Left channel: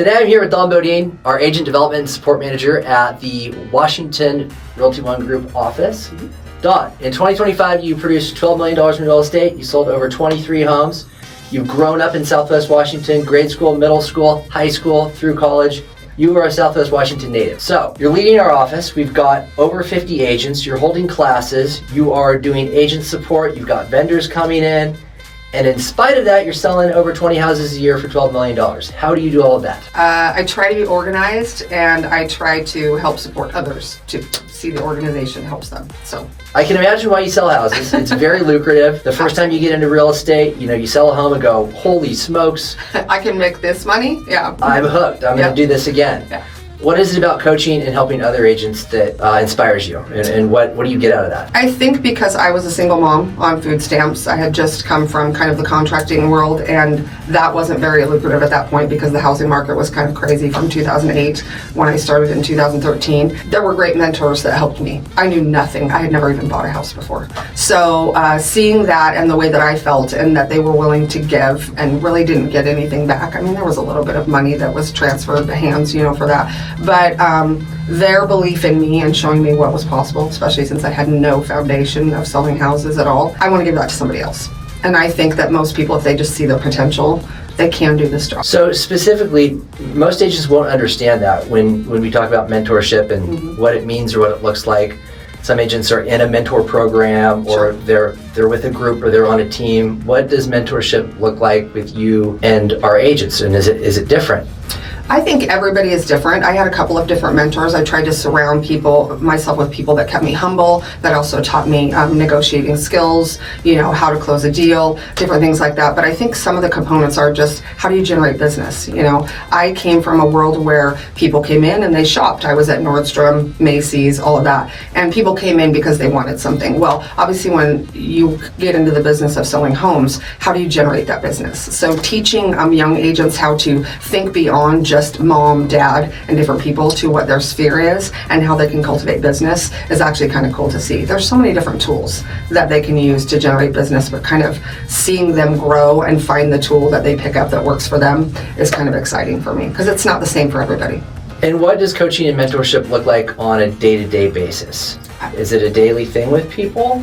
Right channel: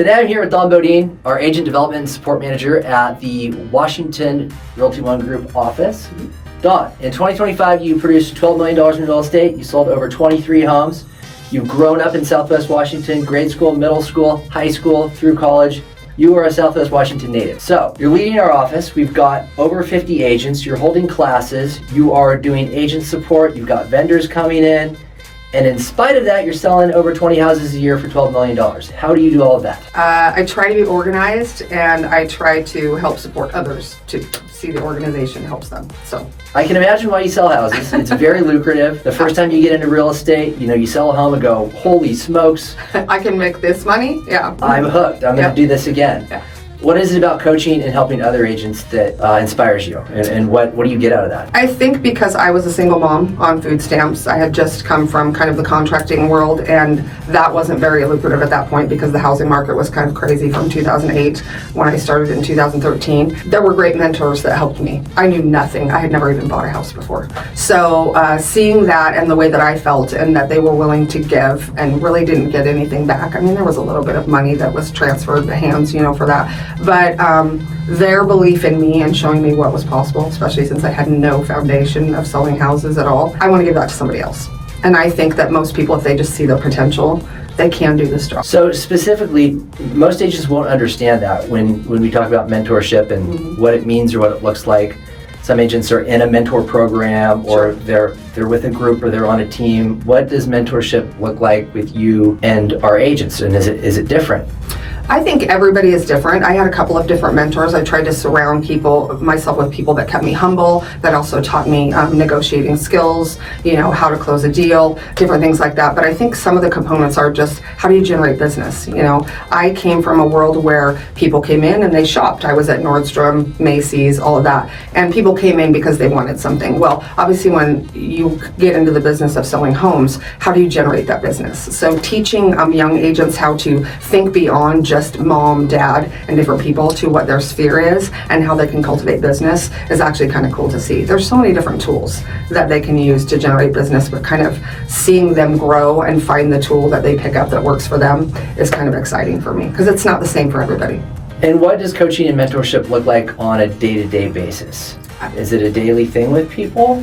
Today I'm here with Don Beaudoin, our Agent Development and Support Manager at the Washington Realty ONE Group office. Don, in 2025 you produced $12 million in real estate, you sold over 23 homes, you've grown up in Southwest Washington, grade school, middle school, high school, through college. You are a Southwest Washington native. So, you're leading our office, we've got over 50 agents, you're holding classes, you are doing agent support, you've got vendors coming in, and in spite of that, you're selling over 20 houses a year for $12 million. How do you do all of that? I try to be organized, and I try to help support others to see the organization helps them. So I can imagine why you sell houses. It's very lucrative. The first time you get into real estate, you sell a home and go, holy smokes. I can make this money, yeah. I'm hooked. I'm going to do this again. Yeah. What is it about coaching and helping other agents that inspires you? And what do you get out of that? I think because I was a single mom on food stamps, I had just come from kind of the contracting world, and that wasn't very lucrative at that point because the housing market was kind of crazy from 2008 when I started in 2013. There were great mentors that helped me. I knew nothing. I had never even bought a house before. So seeing that and the way that I felt and that they were willing to give and really didn't get anything back. I mean, there was a little bit of money that was transferred to hands, for that. But their belief in me and showing me what was possible, especially since I had no foundation of selling houses at all, I want to give that to somebody else. And I think that most people, if they just see the potential, they can do this job. So specifically, most agents won't understand that when we talk about mentorship and what it means or what it looks like. Some agents are in a mentor program, or they're with a group, or they're on a team. What does mentorship look like with you and our agents, and is it different? I think everybody is different. I had a couple of different mentors. I tried to surround myself with people that kept me humble, that also taught me negotiating skills, how to close a deal, different things like that. But I think some of the components are just, how do you generate business? I came from a world where people came in and they shopped. I was at Nordstrom, Macy's, all of that. And people came in because they wanted something. Well, obviously when you get into the business of selling homes, how do you generate that business? So teaching young agents how to think beyond just mom, dad, and different people to what their sphere is and how they can cultivate business is actually kind of cool to see. There's so many different tools that they can use to generate business, but kind of seeing them grow and find the tool that they pick up that works for them is kind of exciting for me because it's not the same for everybody. And what does coaching and mentorship look like on a day-to-day basis? Is it a daily thing with people?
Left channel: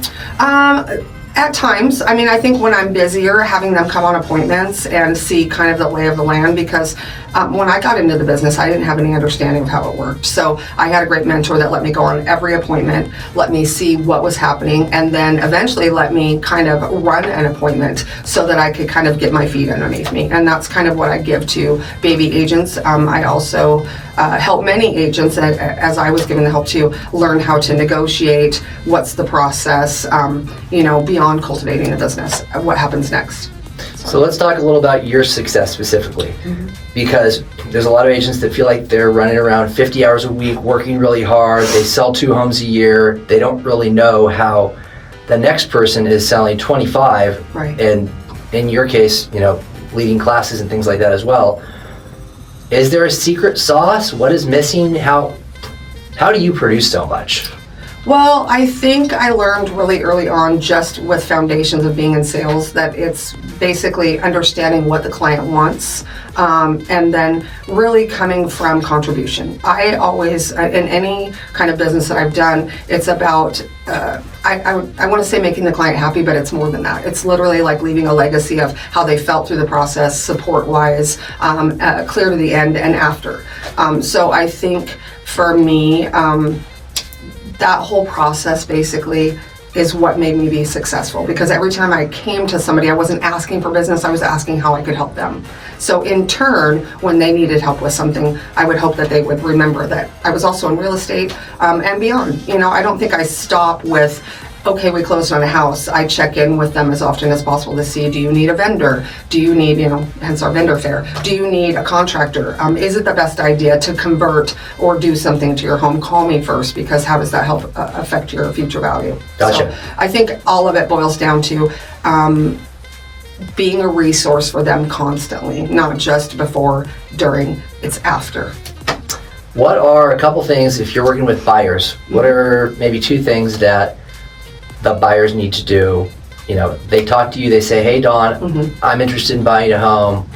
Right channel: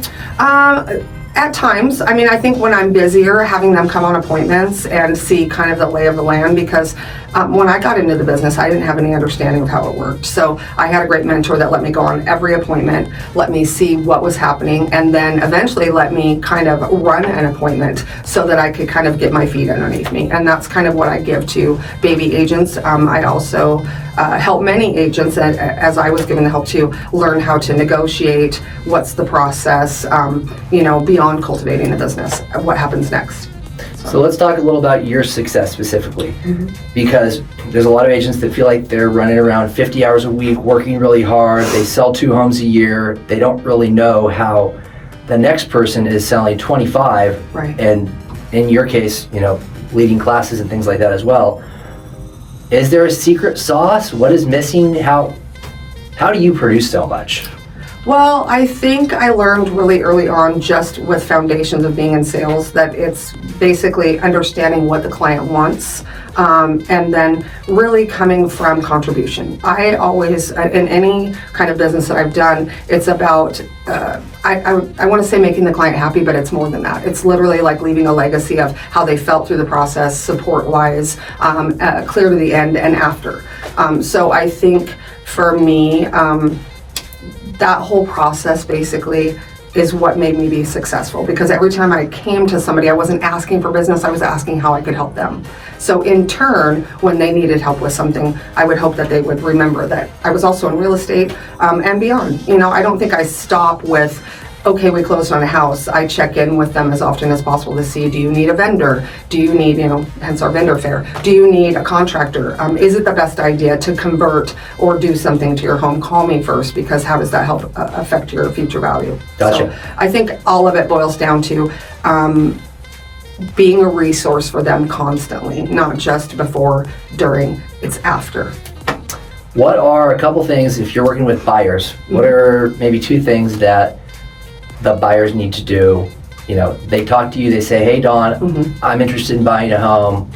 At times. I mean, I think when I'm busier, having them come on appointments and see kind of the lay of the land, because when I got into the business, I didn't have any understanding of how it worked. So I had a great mentor that let me go on every appointment, let me see what was happening, and then eventually let me kind of run an appointment so that I could kind of get my feet underneath me. And that's kind of what I give to baby agents. I also help many agents, as I was given the help to learn how to negotiate, what's the process, beyond cultivating a business, what happens next. So let's talk a little about your success specifically, because there's a lot of agents that feel like they're running around 50 hours a week, working really hard, they sell 2 homes a year, they don't really know how the next person is selling 25, right. And in your case, leading classes and things like that as well. Is there a secret sauce? What is missing? How do you produce so much? Well, I think I learned really early on, just with foundations of being in sales, that it's basically understanding what the client wants, and then really coming from contribution. I always, in any kind of business that I've done, it's about, I want to say making the client happy, but it's more than that. It's literally like leaving a legacy of how they felt through the process, support-wise, clear to the end and after. So I think for me, that whole process basically is what made me be successful, because every time I came to somebody, I wasn't asking for business, I was asking how I could help them. So in turn, when they needed help with something, I would hope that they would remember that I was also in real estate and beyond. I don't think I stop with, okay, we closed on a house. I check in with them as often as possible to see, do you need a vendor? Do you need, hence our vendor fair, do you need a contractor? Is it the best idea to convert or do something to your home? Call me first, because how does that help affect your future value? Gotcha. So I think all of it boils down to being a resource for them constantly, not just before, during, it's after. What are a couple things, if you're working with buyers, what are maybe 2 things that the buyers need to do? They talk to you, they say, hey Don, I'm interested in buying a home.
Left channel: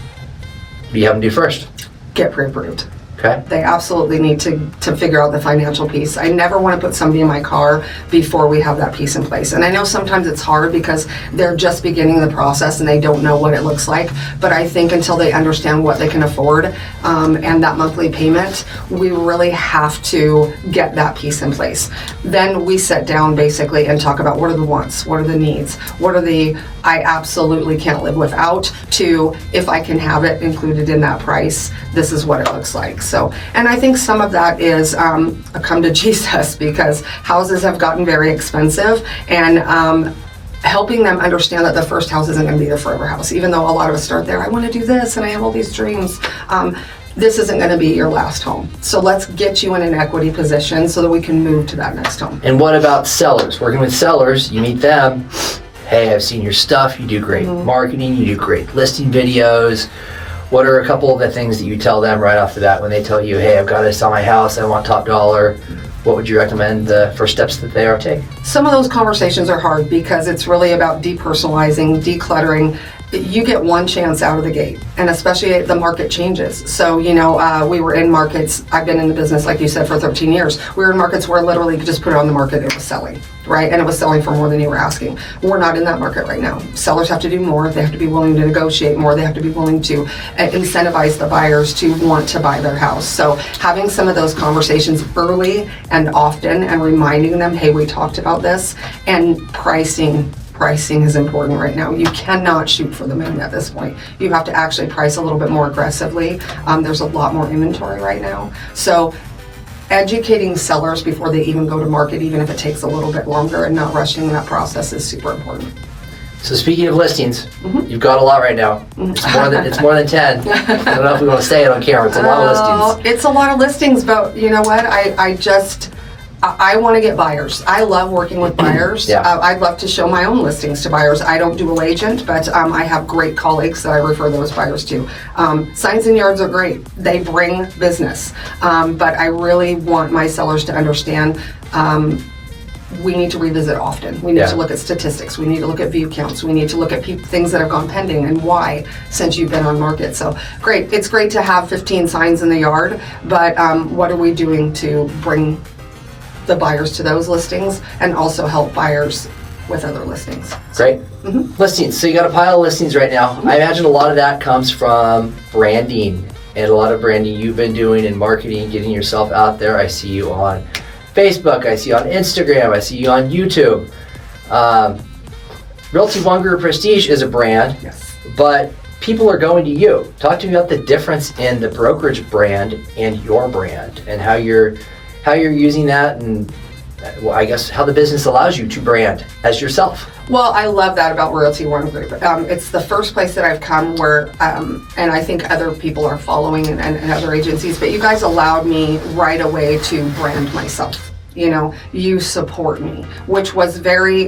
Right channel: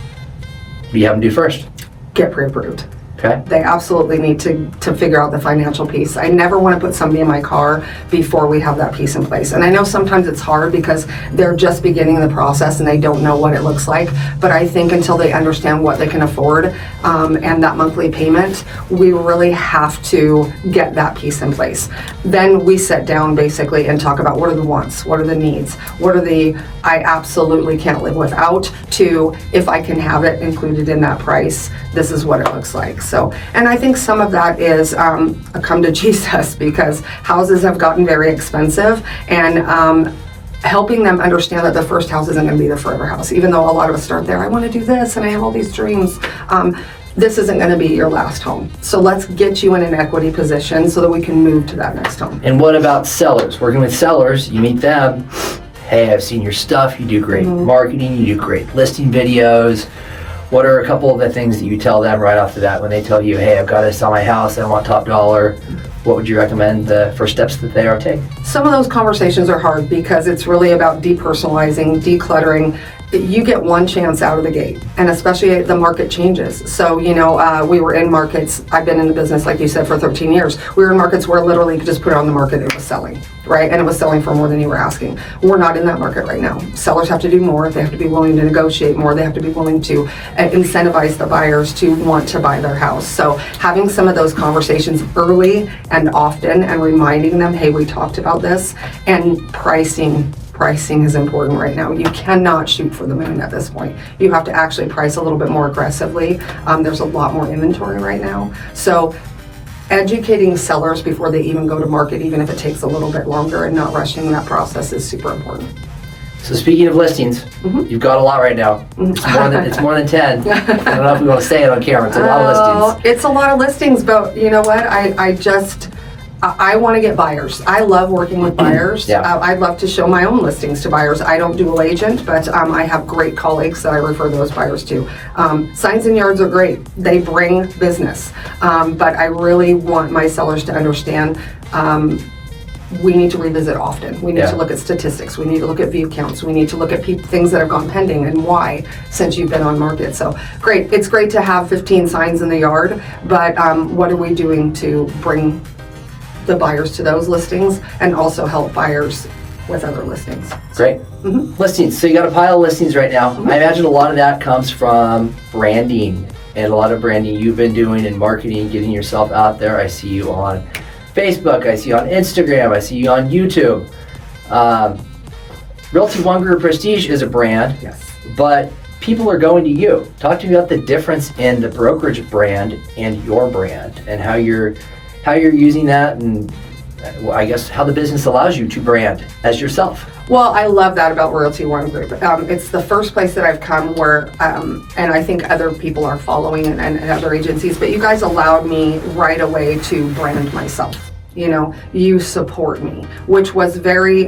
What do you have them do first? get pre-approved. Okay. They absolutely need to figure out the financial piece. I never want to put somebody in my car before we have that piece in place. And I know sometimes it's hard because they're just beginning the process and they don't know what it looks like. But I think until they understand what they can afford and that monthly payment, we really have to get that piece in place. Then we sit down basically and talk about what are the wants, what are the needs, what are the I absolutely can't live without, to if I can have it included in that price, this is what it looks like. So, and I think some of that is a come to Jesus, because houses have gotten very expensive, and helping them understand that the first house isn't going to be their forever house. Even though a lot of us start there, I want to do this and I have all these dreams. This isn't going to be your last home. So let's get you in an equity position so that we can move to that next home. And what about sellers? Working with sellers, you meet them. Hey, I've seen your stuff. You do great marketing. You do great listing videos. What are a couple of the things that you tell them right off the bat when they tell you, hey, I've got to sell my house, I want top dollar? What would you recommend the first steps that they are take? Some of those conversations are hard because it's really about depersonalizing, decluttering. You get one chance out of the gate, and especially the market changes. So, we were in markets, I've been in the business, like you said, for 13 years. We were in markets where literally you could just put it on the market, it was selling, right? And it was selling for more than you were asking. We're not in that market right now. Sellers have to do more. They have to be willing to negotiate more. They have to be willing to incentivize the buyers to want to buy their house. So having some of those conversations early and often and reminding them, hey, we talked about this, and pricing is important right now. You cannot shoot for the moon at this point. You have to actually price a little bit more aggressively. There's a lot more inventory right now. So educating sellers before they even go to market, even if it takes a little bit longer, and not rushing that process is super important. So speaking of listings, you've got a lot right now. It's more than 10. I don't know if we want to say it on camera. It's a lot of listings. It's a lot of listings, but you know what? I want to get buyers. I love working with buyers. Yeah. I'd love to show my own listings to buyers. I don't dual agent, but I have great colleagues that I refer those buyers to. Signs and yards are great. They bring business. But I really want my sellers to understand we need to revisit often. We need to look at statistics. We need to look at view counts. We need to look at things that have gone pending and why since you've been on market. So great. It's great to have 15 signs in the yard, but what are we doing to bring the buyers to those listings and also help buyers with other listings? Great. Listings. So you got a pile of listings right now. I imagine a lot of that comes from branding, and a lot of branding you've been doing in marketing, getting yourself out there. I see you on Facebook. I see you on Instagram. I see you on YouTube. Realty ONE Group Prestige is a brand, but people are going to you. Talk to me about the difference in the brokerage brand and your brand, and how you're using that, and I guess how the business allows you to brand as yourself. Well, I love that about Realty ONE Group. It's the first place that I've come where, and I think other people are following and other agencies, but you guys allowed me right away to brand myself. You support me, which was very,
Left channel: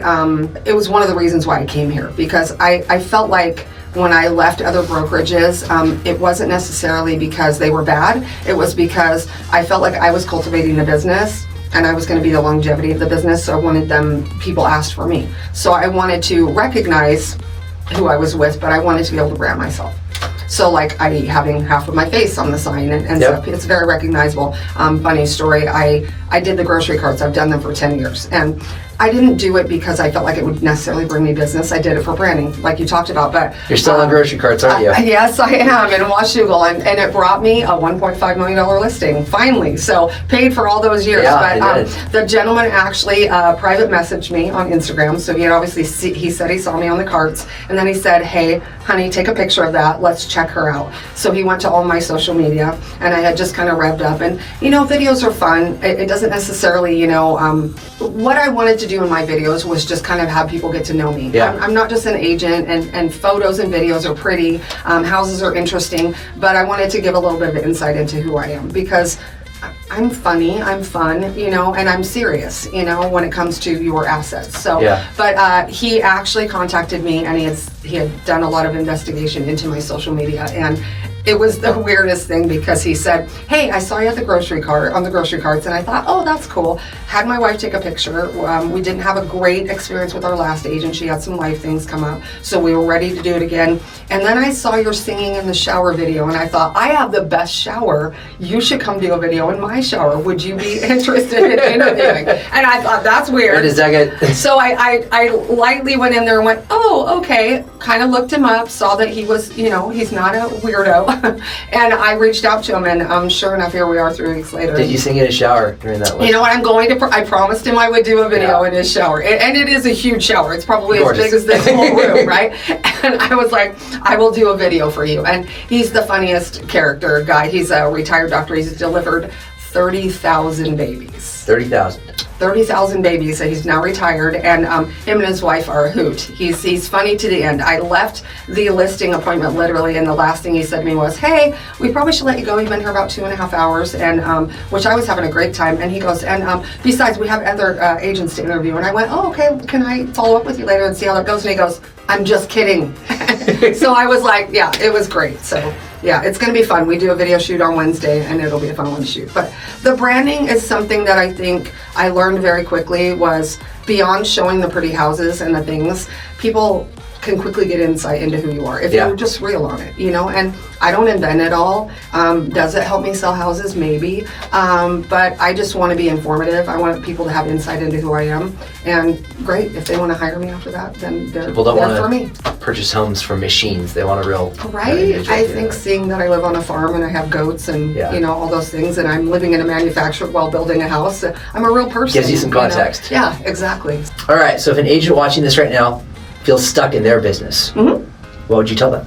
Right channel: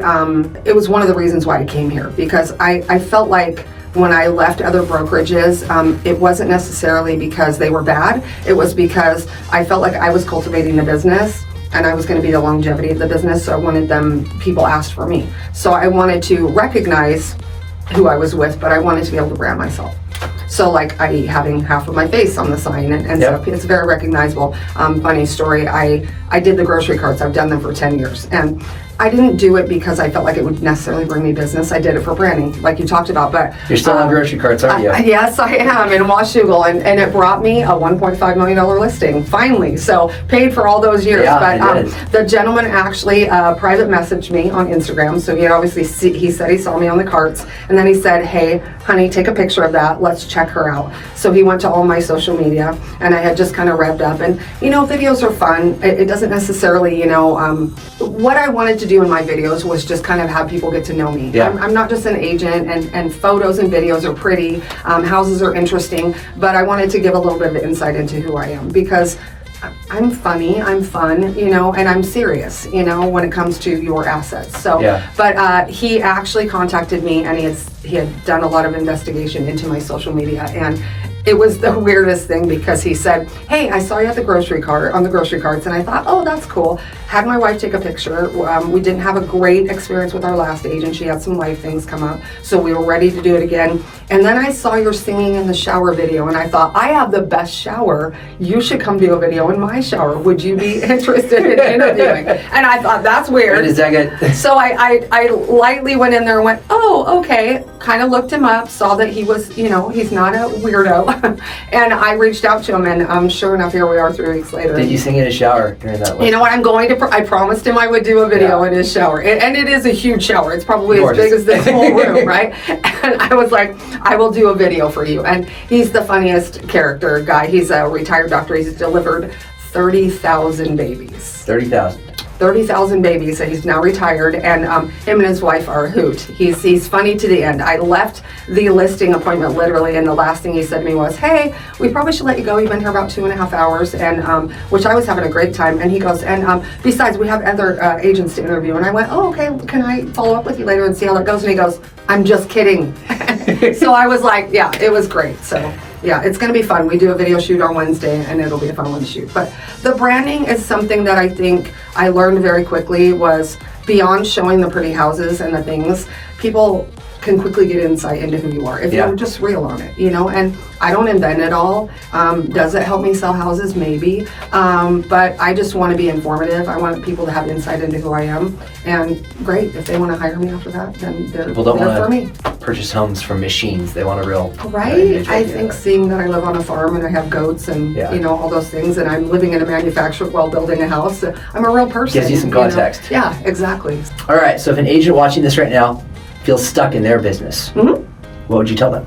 it was one of the reasons why I came here, because I felt like when I left other brokerages, it wasn't necessarily because they were bad. It was because I felt like I was cultivating the business and I was going to be the longevity of the business. So I wanted people asked for me. So I wanted to recognize who I was with, but I wanted to be able to brand myself. So like having half of my face on the sign and stuff, it's very recognizable. Funny story, I did the grocery carts. I've done them for 10 years. And I didn't do it because I felt like it would necessarily bring me business. I did it for branding, like you talked about. But you're still on grocery carts, aren't you? Yes, I am in Washougal, and it brought me a $1.5 million listing finally. So paid for all those years. Yeah, but the gentleman actually private messaged me on Instagram. So he said he saw me on the carts, and then he said, "Hey, honey, take a picture of that. Let's check her out." So he went to all my social media, and I had just kind of revved up. And videos are fun. It doesn't necessarily, what I wanted to do in my videos was just kind of have people get to know me. Yeah. I'm not just an agent, and photos and videos are pretty, houses are interesting, but I wanted to give a little bit of insight into who I am, because I'm funny, I'm fun, and I'm serious, when it comes to your assets. So, but he actually contacted me, and he had done a lot of investigation into my social media, and it was the weirdest thing because he said, hey, I saw you at the grocery cart, on the grocery carts, and I thought, oh, that's cool. Had my wife take a picture. We didn't have a great experience with our last agent. She had some life things come up, so we were ready to do it again. And then I saw your singing in the shower video, and I thought, I have the best shower. You should come do a video in my shower. Would you be interested in interviewing? And I thought, that's weird. Wait a second. So I lightly went in there and went, oh, okay. Kind of looked him up, saw that he was, he's not a weirdo. And I reached out to him, and sure enough, here we are 3 weeks later. Did you sing in a shower during that one? You know what, I promised him I would do a video in his shower. And it is a huge shower. It's probably as big as this whole room, right? And I was like, I will do a video for you. And he's the funniest character guy. He's a retired doctor. He's delivered 30,000 babies. 30,000 babies, and he's now retired, and him and his wife are a hoot. He's funny to the end. I left the listing appointment literally, and the last thing he said to me was, hey, we probably should let you go. You've been here about 2.5 hours, and which I was having a great time. And he goes, and besides, we have other agents to interview. And I went, oh, okay, can I follow up with you later and see how that goes? And he goes, I'm just kidding. So I was like, yeah, it was great. So yeah, it's going to be fun. We do a video shoot on Wednesday, and it'll be a fun one to shoot. But the branding is something that I think I learned very quickly was beyond showing the pretty houses and the things, people can quickly get insight into who you are if you're just real on it, and I don't invent it all. Does it help me sell houses? Maybe. But I just want to be informative. I want people to have insight into who I am. And great, if they want to hire me after that, then they're People don't there for me. Purchase homes from machines. They want a real... Right. I think seeing that I live on a farm and I have goats and, all those things, and I'm living in a manufacturer while building a house, I'm a real person. Gives you some context. Yeah, exactly. All right, so if an agent watching this right now feels stuck in their business, what would you tell them?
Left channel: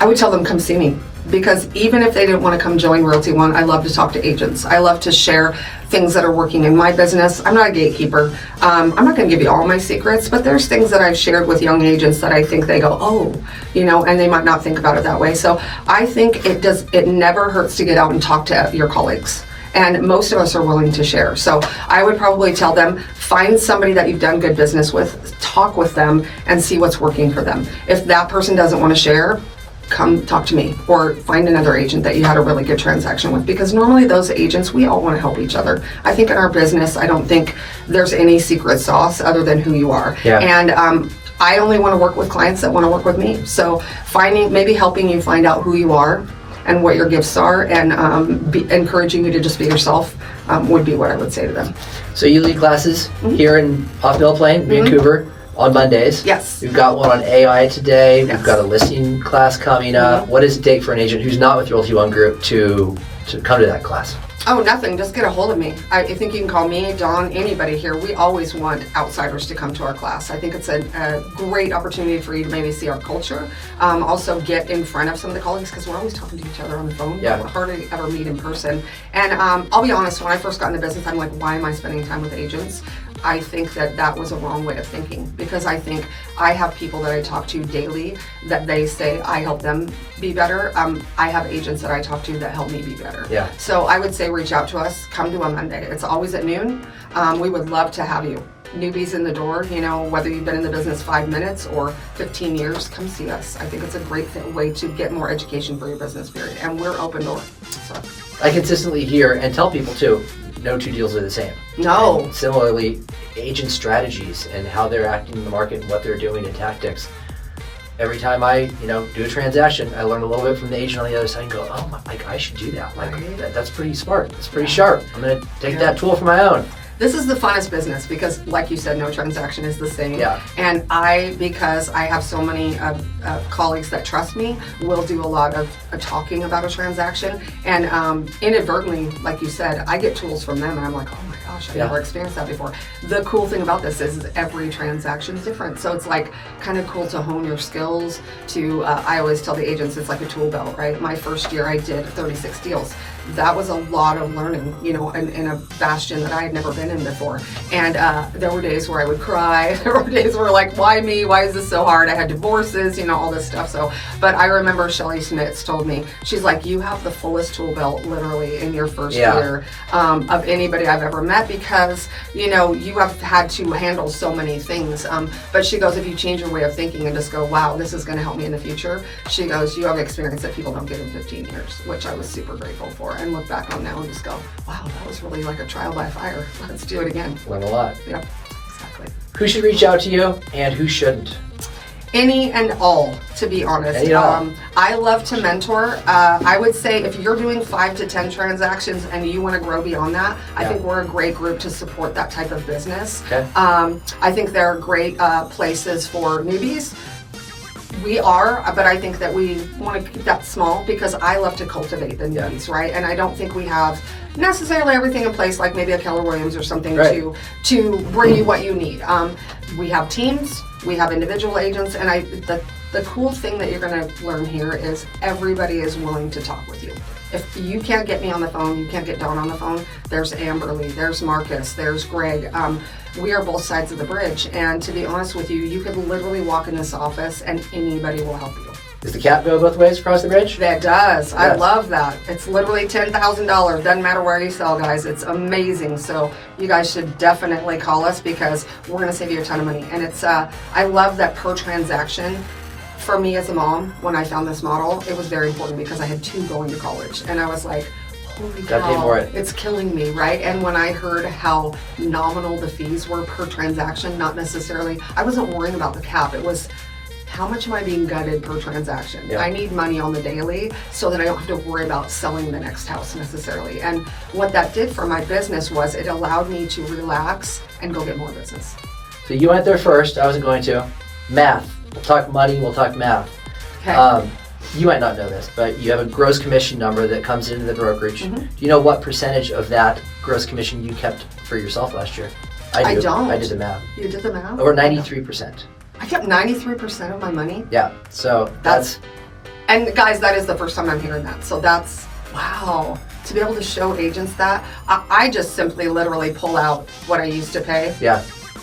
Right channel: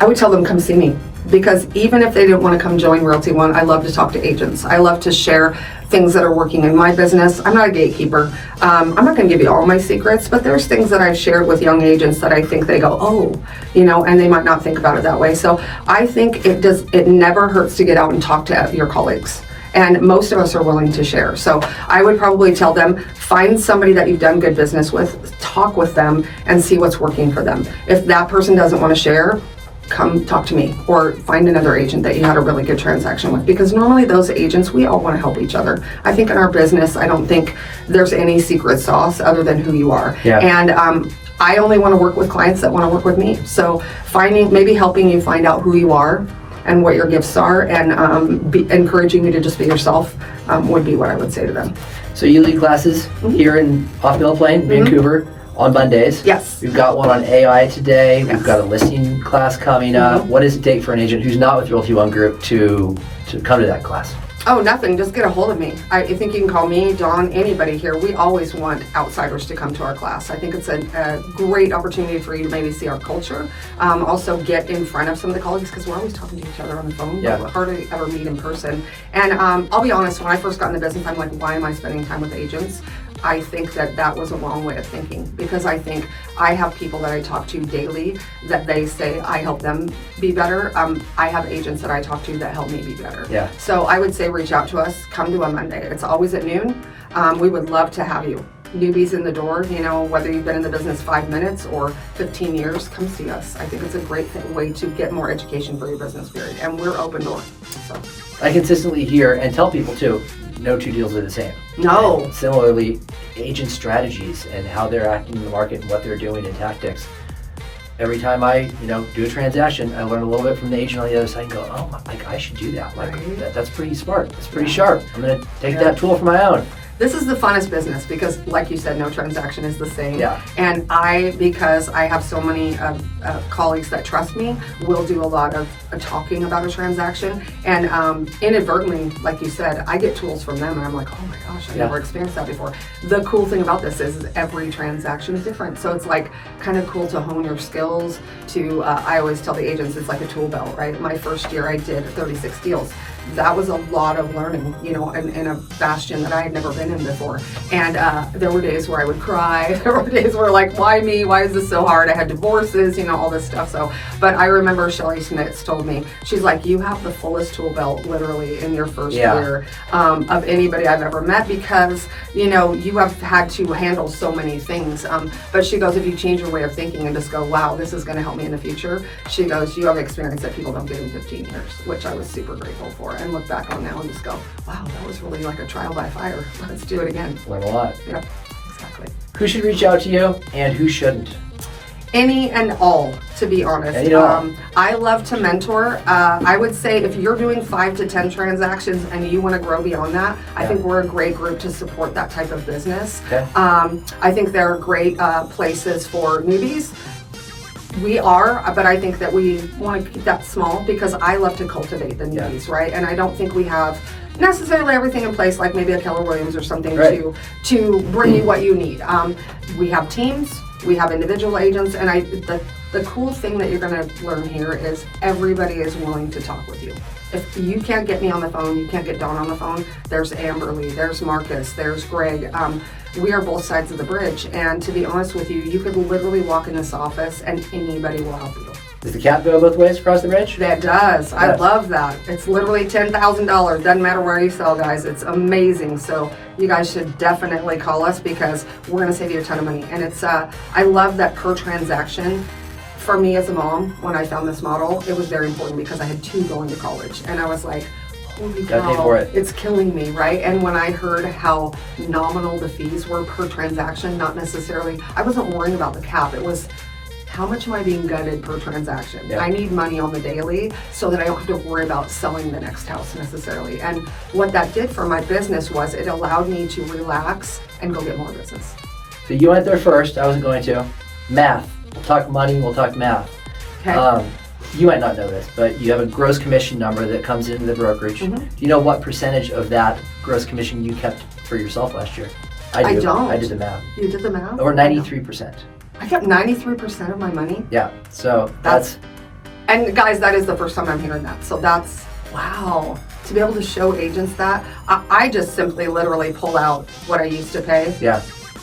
I would tell them, come see me. Because even if they didn't want to come join Realty One, I love to talk to agents. I love to share things that are working in my business. I'm not a gatekeeper. I'm not going to give you all my secrets, but there's things that I've shared with young agents that I think they go, oh, and they might not think about it that way. So I think it never hurts to get out and talk to your colleagues. And most of us are willing to share. So I would probably tell them, find somebody that you've done good business with, talk with them, and see what's working for them. If that person doesn't want to share, come talk to me, or find another agent that you had a really good transaction with, because normally those agents, we all want to help each other. I think in our business, I don't think there's any secret sauce other than who you are. Yeah. And I only want to work with clients that want to work with me. So maybe helping you find out who you are and what your gifts are, and encouraging you to just be yourself would be what I would say to them. So you lead classes here off Mill Plain, Vancouver, on Mondays. Yes. We've got one on AI today. Yes. We've got a listing class coming up. What does it take for an agent who's not with Realty ONE Group to come to that class? Oh, nothing. Just get a hold of me. I think you can call me, Don, anybody here. We always want outsiders to come to our class. I think it's a great opportunity for you to maybe see our culture. Also get in front of some of the colleagues, because we're always talking to each other on the phone. Yeah. We're hard to ever meet in person. And I'll be honest, when I first got into business, I'm like, why am I spending time with agents? I think that was a wrong way of thinking, because I think I have people that I talk to daily that they say I help them be better. I have agents that I talk to that help me be better. Yeah. So I would say reach out to us, come to a Monday. It's always at noon. We would love to have you. Newbies in the door, whether you've been in the business 5 minutes or 15 years, come see us. I think it's a great way to get more education for your business, period. And we're open door. So I consistently hear and tell people too, no two deals are the same. no. And similarly, agent strategies and how they're acting in the market and what they're doing in tactics. Every time I, do a transaction, I learn a little bit from the agent on the other side and go, oh, I should do that. That's pretty smart. That's pretty sharp. I'm going to take that tool for my own. This is the funnest business because, like you said, no transaction is the same. Yeah. And because I have so many colleagues that trust me, will do a lot of talking about a transaction. And inadvertently, like you said, I get tools from them and I'm like, oh my gosh, I've never experienced that before. The cool thing about this is every transaction is different. So it's like kind of cool to hone your skills I always tell the agents it's like a tool belt, right? My first year I did 36 deals. that was a lot of learning, you know, in a bastion that I had never been in before. And there were days where I would cry. There were days where like, why me? Why is this so hard? I had divorces, you know, all this stuff. So, but I remember Shelly Smits told me, she's like, you have the fullest tool belt literally in your first year of anybody I've ever met, because, you know, you have had to handle so many things. But she goes, if you change your way of thinking and just go, wow, this is going to help me in the future. She goes, you have experience that people don't get in 15 years, which I was super grateful for, and look back on now and just go, wow, that was really like a trial by fire. Let's do it again. Learn a lot. Yep, exactly. Who should reach out to you and who shouldn't? Any and all, to be honest. I love to mentor. I would say if you're doing 5 to 10 transactions and you want to grow beyond that, I think we're a great group to support that type of business. Okay. I think there are great places for newbies. We are, but I think that we want to keep that small because I love to cultivate the newbies, right? And I don't think we have necessarily everything in place, like maybe a Keller Williams or something, to bring you what you need. We have teams, we have individual agents, and the cool thing that you're going to learn here is everybody is willing to talk with you. If you can't get me on the phone, you can't get Don on the phone, there's Amberly, there's Marcus, there's Greg. We are both sides of the bridge, and to be honest with you, you could literally walk in this office and anybody will help you. Does the cap go both ways across the bridge? That does. I love that. It's literally $10,000. Doesn't matter where you sell, guys. It's amazing. So you guys should definitely call us because we're going to save you a ton of money. And it's I love that per transaction. For me as a mom, when I found this model, it was very important because I had 2 going to college, and I was like, holy cow, it's killing me, right? And when I heard how nominal the fees were per transaction, not necessarily, I wasn't worrying about the cap. It was, how much am I being gutted per transaction? Yeah. I need money on the daily so that I don't have to worry about selling the next house necessarily. And what that did for my business was it allowed me to relax and go get more business. So you went there first. I wasn't going to. Math. We'll talk money. We'll talk math. Okay. You might not know this, but you have a gross commission number that comes into the brokerage. Mm-hmm. Do you know what percentage of that gross commission you kept for yourself last year? I don't. I did the math. You did the math? Over 93%. I kept 93% of my money? Yeah, so that's... And guys, that is the first time I'm hearing that. So that's, wow. To be able to show agents that, I just simply literally pull out what I used to pay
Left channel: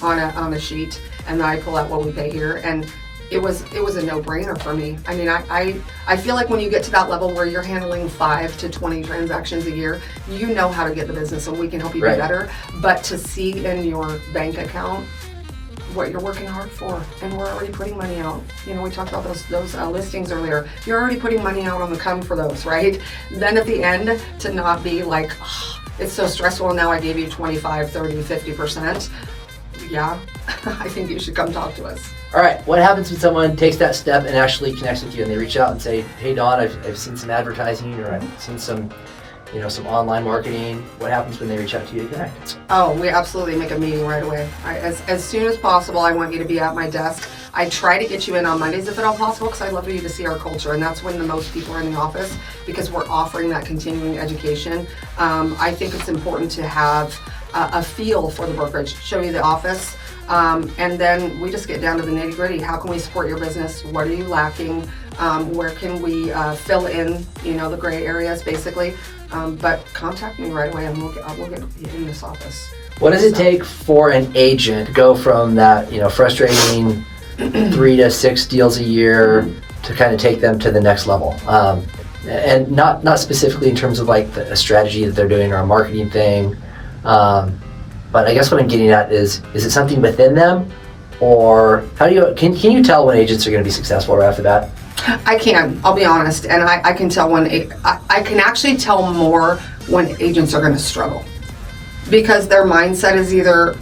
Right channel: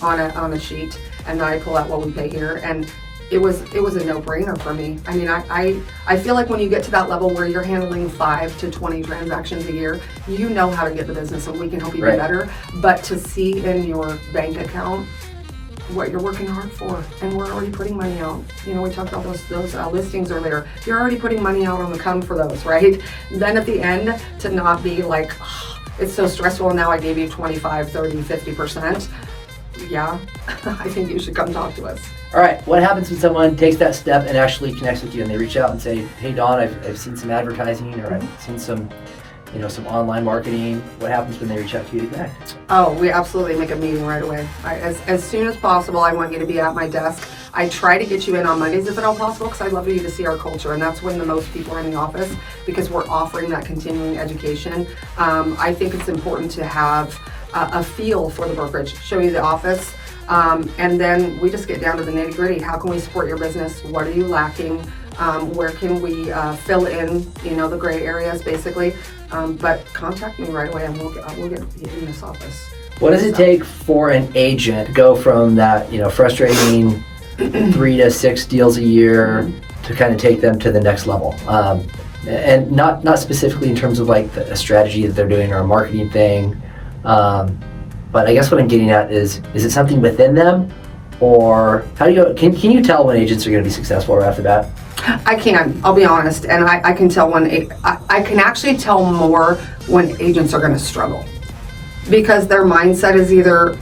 on a sheet, and then I pull out what we pay here, and it was a no-brainer for me. I mean, I feel like when you get to that level where you're handling 5 to 20 transactions a year, you know how to get the business, and we can help you be better. But to see in your bank account what you're working hard for, and we're already putting money out. You know, we talked about those listings earlier. You're already putting money out on the come for those, right? Then at the end, to not be like, oh, it's so stressful, now I gave you 25, 30, 50%. Yeah, I think you should come talk to us. All right, what happens when someone takes that step and actually connects with you and they reach out and say, hey Don, I've seen some advertising, or I've seen some online marketing. What happens when they reach out to you back? Oh, we absolutely make a meeting right away. As soon as possible, I want you to be at my desk. I try to get you in on Mondays if at all possible, because I love for you to see our culture, and that's when the most people are in the office, because we're offering that continuing education. I think it's important to have a feel for the brokerage, show you the office, and then we just get down to the nitty gritty. How can we support your business? What are you lacking? Where can we fill in, the gray areas basically? But contact me right away, and we'll get you in this office. What does it take for an agent to go from that, frustrating 3 to 6 deals a year to kind of take them to the next level? And not specifically in terms of like a strategy that they're doing or a marketing thing. But I guess what I'm getting at is it something within them, or can you tell when agents are going to be successful right off the bat? I can, I'll be honest, and I can tell I can actually tell more when agents are going to struggle, because their mindset is either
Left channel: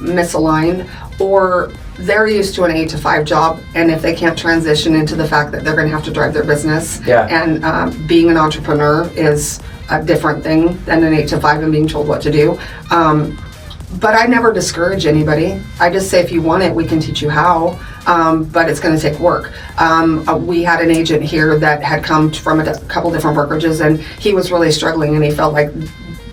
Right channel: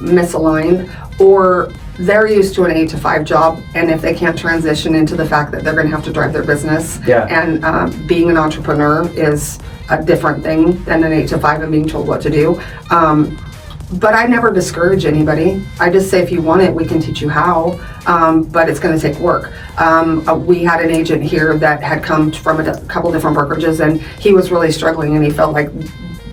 misaligned or they're used to an 8 to 5 job, and if they can't transition into the fact that they're going to have to drive their business, and being an entrepreneur is a different thing than an 8 to 5 and being told what to do. But I never discourage anybody. I just say, if you want it, we can teach you how, but it's going to take work. We had an agent here that had come from a couple different brokerages, and he was really struggling, and he felt like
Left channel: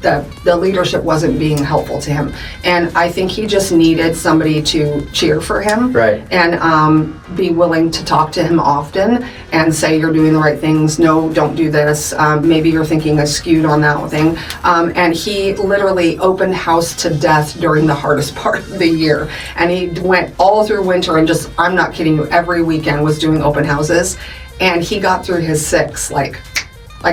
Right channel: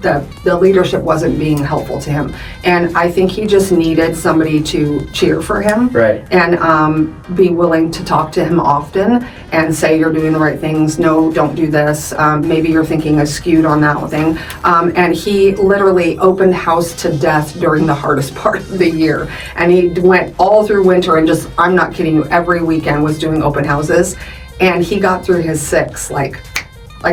the leadership wasn't being helpful to him. And I think he just needed somebody to cheer for him. Right. And be willing to talk to him often and say, you're doing the right things. No, don't do this. Maybe you're thinking skewed on that thing. And he literally opened house to death during the hardest part of the year. And he went all through winter and just, I'm not kidding you, every weekend was doing open houses. And he got through his 6, like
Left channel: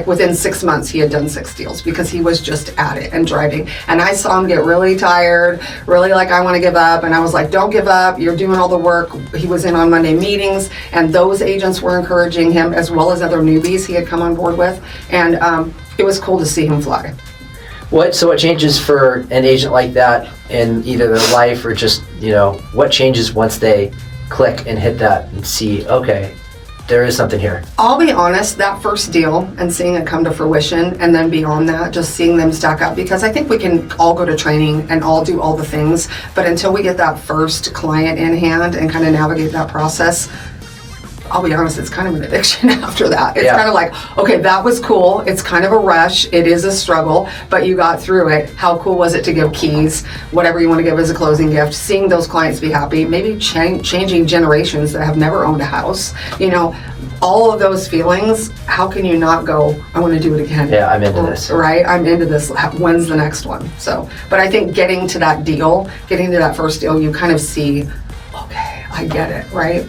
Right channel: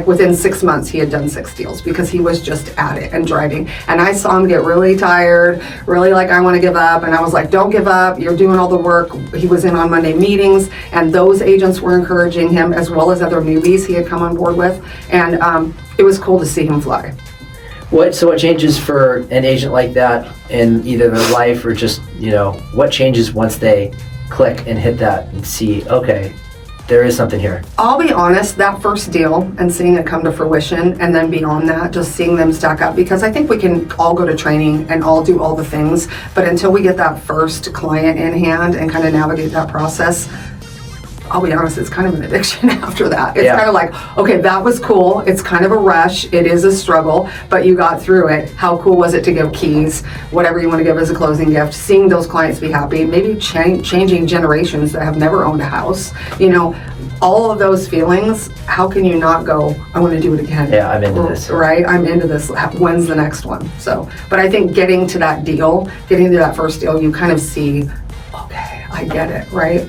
within 6 months, he had done 6 deals because he was just at it and driving. And I saw him get really tired, really like, I want to give up. And I was like, don't give up. You're doing all the work. He was in on Monday meetings, and those agents were encouraging him, as well as other newbies he had come on board with. And it was cool to see him fly. So what changes for an agent like that in either their life or just, what changes once they click and hit that and see, okay, there is something here? I'll be honest, that first deal and seeing it come to fruition, and then beyond that, just seeing them stack up, because I think we can all go to training and all do all the things, but until we get that first client in hand and kind of navigate that process, I'll be honest, it's kind of an addiction after that. It's kind of like, okay, that was cool. It's kind of a rush. It is a struggle, but you got through it. How cool was it to give keys, whatever you want to give as a closing gift, seeing those clients be happy, maybe changing generations that have never owned a house, all of those feelings. How can you not go, I want to do it again? Yeah, I'm into this. Right? I'm into this. When's the next one? So, but I think getting to that first deal, you kind of see, okay, I get it, right?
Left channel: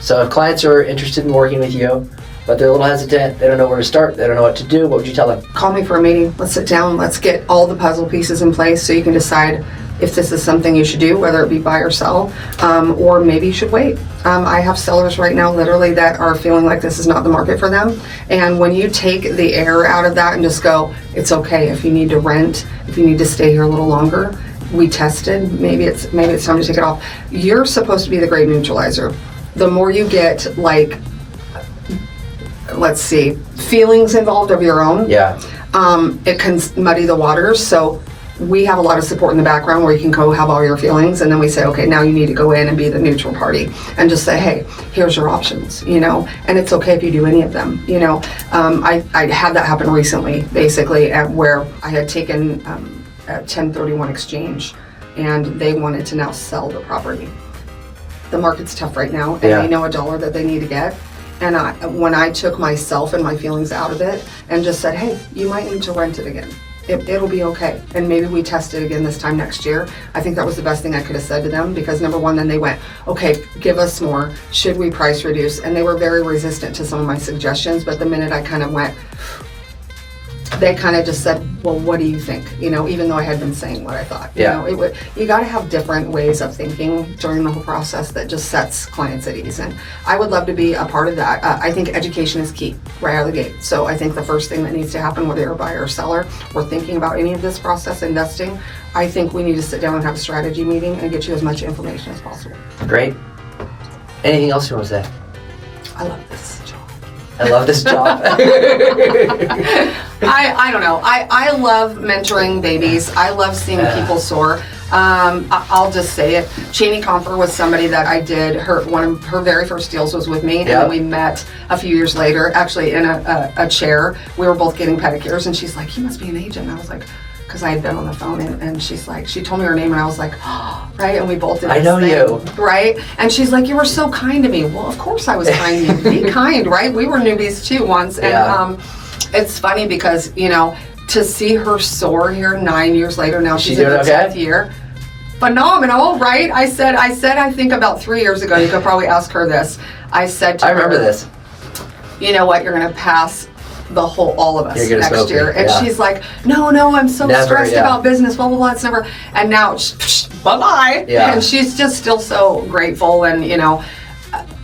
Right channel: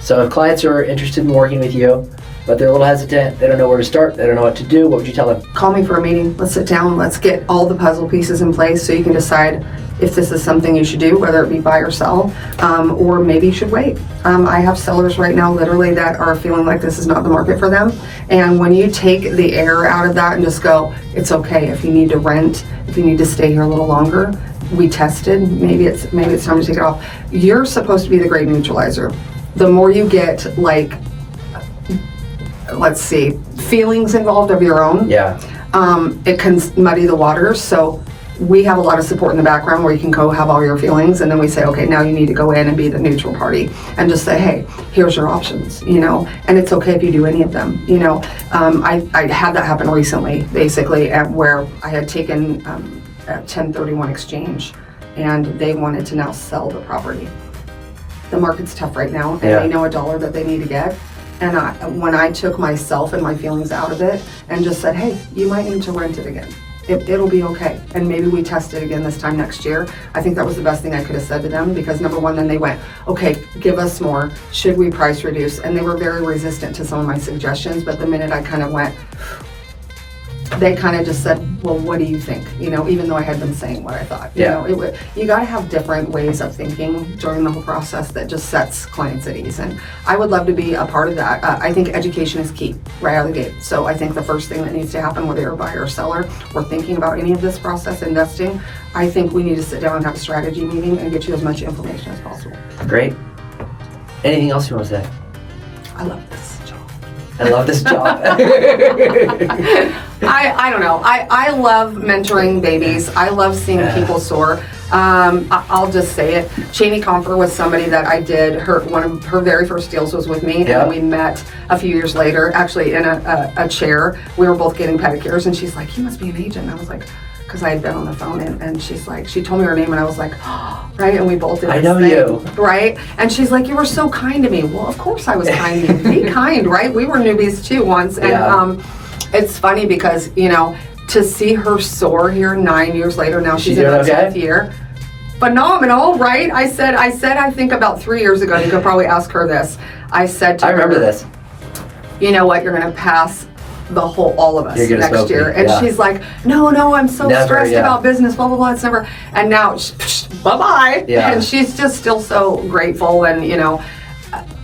So if clients are interested in working with you, but they're a little hesitant, they don't know where to start, they don't know what to do, what would you tell them? Call me for a meeting. Let's sit down. Let's get all the puzzle pieces in place so you can decide if this is something you should do, whether it be buy or sell, or maybe you should wait. I have sellers right now literally that are feeling like this is not the market for them. And when you take the air out of that and just go, it's okay if you need to rent, if you need to stay here a little longer, we tested, maybe it's time to take it off. You're supposed to be the great neutralizer. The more you get, feelings involved of your own, it can muddy the waters. So we have a lot of support in the background where you can go have all your feelings, and then we say, okay, now you need to go in and be the neutral party and just say, hey, here's your options, and it's okay if you do any of them. I had that happen recently, basically, where I had taken a 1031 exchange, and they wanted to now sell the property. The market's tough right now, and they know a dollar that they need to get. And when I took myself and my feelings out of it and just said, hey, you might need to rent it again. It'll be okay. And maybe we test it again this time next year. I think that was the best thing I could have said to them, because number one, then they went, okay, give us more. Should we price reduce? And they were very resistant to some of my suggestions, but the minute I kind of went, they kind of just said, well, what do you think? Even though I had been saying what I thought. You got to have different ways of thinking during the whole process that just sets clients at ease. And I would love to be a part of that. I think education is key right out of the gate. So I think the first thing that needs to happen, whether you're a buyer or seller or thinking about any of this process, investing, I think we need to sit down and have a strategy meeting and get you as much information as possible. Great. Anything else you want to say? I love this job. I love this job. I don't know. I love mentoring babies. I love seeing people soar. I'll just say it. Cheney Comfer was somebody that I did. One of her very first deals was with me, and then we met a few years later, actually in a chair. We were both getting pedicures, and she's like, "You must be an agent." And I was like, because I had been on the phone, and she's like, she told me her name, and I was like, oh, right, and we both did. I know you, right? And she's like, you were so kind to me. Well, of course I was kind to you. Be kind, right? We were newbies too once, and it's funny because to see her soar here 9 years later. Now she's in her 10th year. Phenomenal, right? I said, I think about 3 years ago, you could probably ask her this. I said to her, I remember this. You know what? You're going to pass all of us next year. And she's like, no, I'm so stressed about business, blah, blah, blah. It's never. And now, bye-bye. Yeah. And she's just still so grateful. And,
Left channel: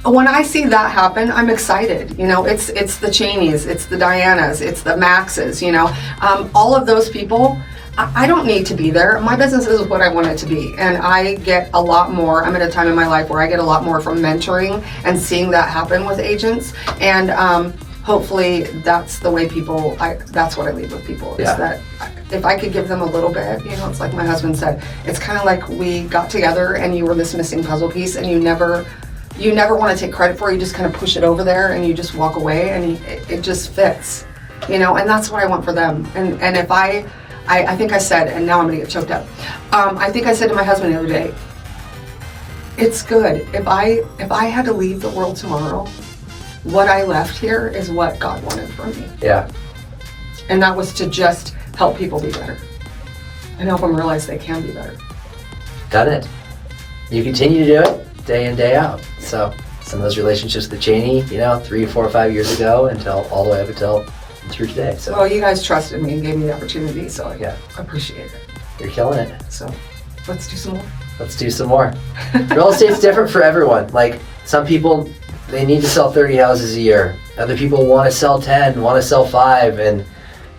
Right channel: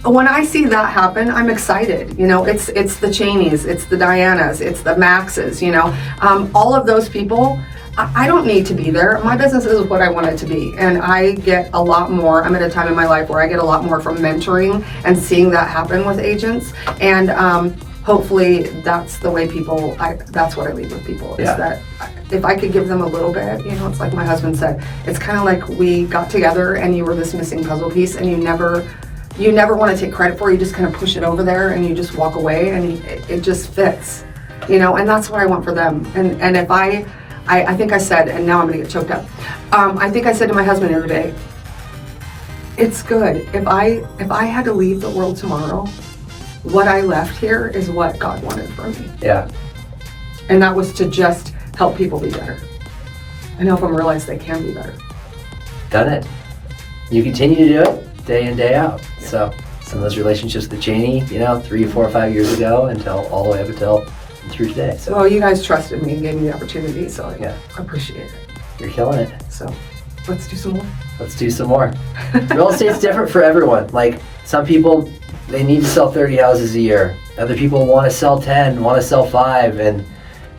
when I see that happen, I'm excited. It's the Cheneys, it's the Dianas, it's the Maxes, all of those people. I don't need to be there. My business is what I want it to be. And I get a lot more. I'm at a time in my life where I get a lot more from mentoring and seeing that happen with agents. And hopefully that's the way that's what I leave with people, is that if I could give them a little bit, it's like my husband said, it's kind of like we got together and you were this missing puzzle piece, and you never want to take credit for it. You just kind of push it over there and you just walk away, and it just fits, and that's what I want for them. And if I I think I said, and now I'm gonna get choked up. I think I said to my husband the other day, it's good. If I had to leave the world tomorrow, what I left here is what God wanted for me. Yeah. And that was to just help people be better and help them realize they can be better. Done it. You continue to do it day in, day out. So some of those relationships with Janie, 3, 4, 5 years ago until all the way up until through today. So well, you guys trusted me and gave me the opportunity, so I Yeah. appreciate it. you're killing it. So let's do some more. Let's do some more. Real estate's different for everyone. Like some people, they need to sell 30 houses a year. Other people want to sell 10, want to sell 5, and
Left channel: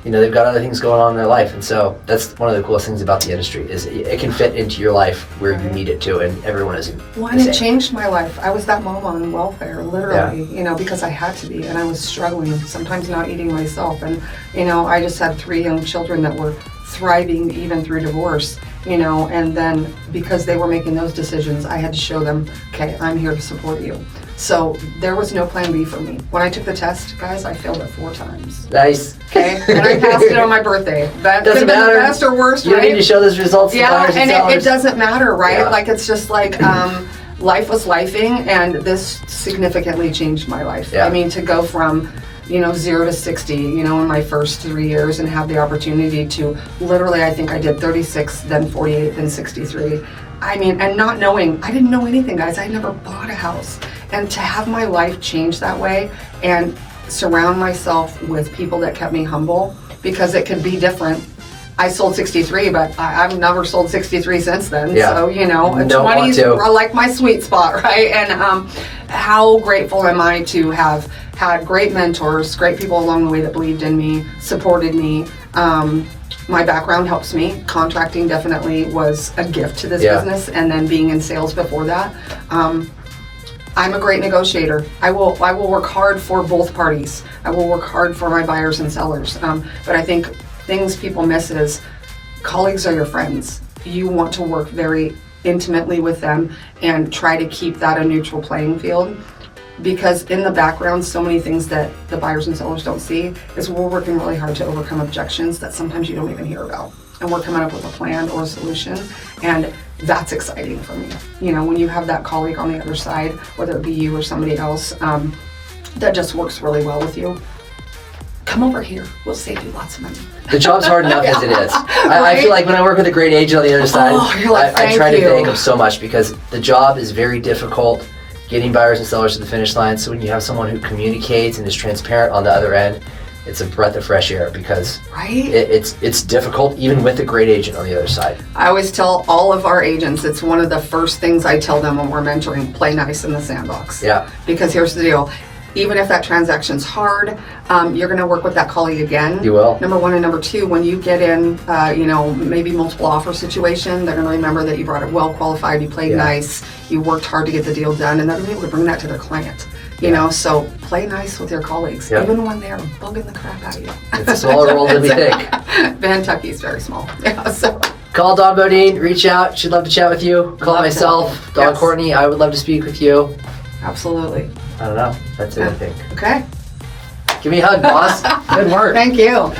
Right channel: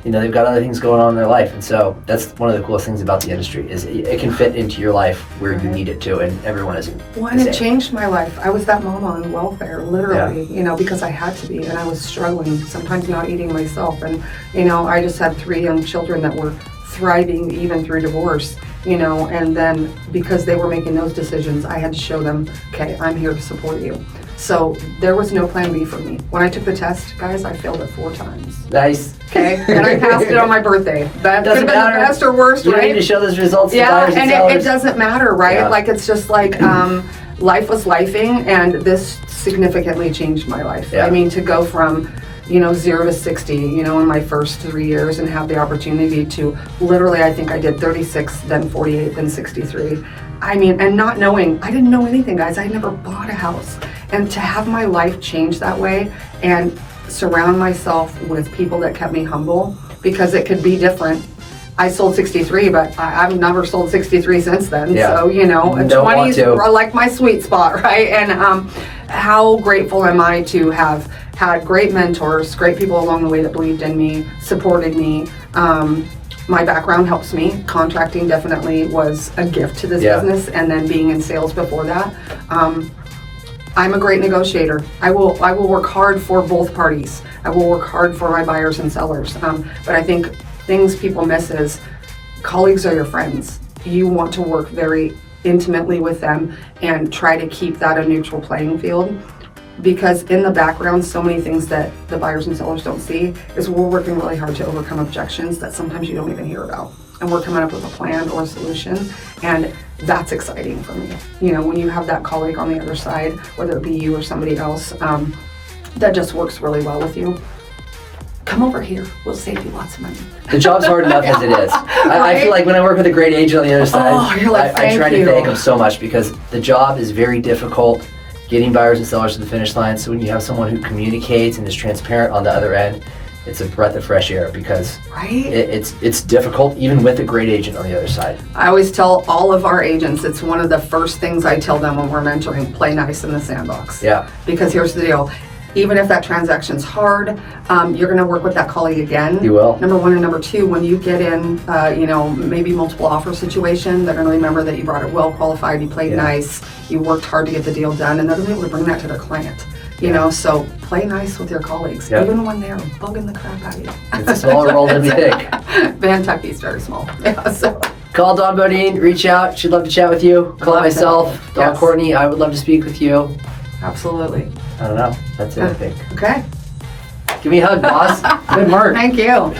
they've got other things going on in their life. And so that's one of the coolest things about the industry is it can fit into your life where you need it to, and everyone isn't. Well, and it changed my life. I was that mama on welfare, literally, Yeah. Because I had to be, and I was struggling, sometimes not eating myself. And, I just had 3 young children that were thriving even through divorce, and then because they were making those decisions, I had to show them, okay, I'm here to support you. So there was no plan B for me. When I took the test, guys, I failed it 4 times. Nice. Okay, and I passed it on my birthday. That could have been the best or worst, You right? need to show those results to Yeah, buyers and and sellers. it doesn't matter, right? Yeah. Like it's just like life was lifing, and this significantly changed my life. Yeah. I mean, to go from 0 to 60, in my first 3 years, and have the opportunity to literally, I think I did 36, then 48, then 63. I mean, and not knowing, I didn't know anything, guys. I never bought a house. And to have my life change that way and surround myself with people that kept me humble, because it could be different. I sold 63, but I've never sold 63 since then. Yeah. So, Don't 20s want to. are like my sweet spot, right? And how grateful am I to have had great mentors, great people along the way that believed in me, supported me. My background helps me. Contracting definitely was a gift to this Yeah. business, and then being in sales before that. I'm a great negotiator. I will work hard for both parties. I will work hard for my buyers and sellers. But I think things people miss is colleagues are your friends. You want to work very intimately with them and try to keep that a neutral playing field. Because in the background, so many things that the buyers and sellers don't see is we're working really hard to overcome objections that sometimes you don't even hear about. And we're coming up with a plan or a solution, and that's exciting for me. When you have that colleague on the other side, whether it be you or somebody else, that just works really well with you. Come over here, we'll save you lots of money. The job's hard enough as it is. I feel like when I work with a great agent on the other side, you're like, I try "Thank to you." thank them so much because the job is very difficult, getting buyers and sellers to the finish line. So when you have someone who communicates and is transparent on the other end, it's a breath of fresh air because Right? it's difficult even with a great agent on the other side. I always tell all of our agents, it's one of the first things I tell them when we're mentoring, play nice in the sandbox. Yeah. Because here's the deal. Even if that transaction's hard, you're going to work with that colleague again. You will. Number 1 and number 2, when you get in, maybe multiple offer situation, they're going to remember that you brought it well qualified, you played Yeah. nice, you worked hard to get the deal done, and they're going to be able to bring that to their client. So play nice with your colleagues, Yep. even when they're bugging the crap out of you. It's a smaller world than we think. Kentucky's very small. Yeah, so. Call Dawn Beaudoin, reach out. She'd love to chat with you. Call Love to. myself, Don Yes. Courtney. I would love to speak with you. Absolutely. I don't know. That's it, I think. Okay. Give me a hug, boss. Good work. Thank you.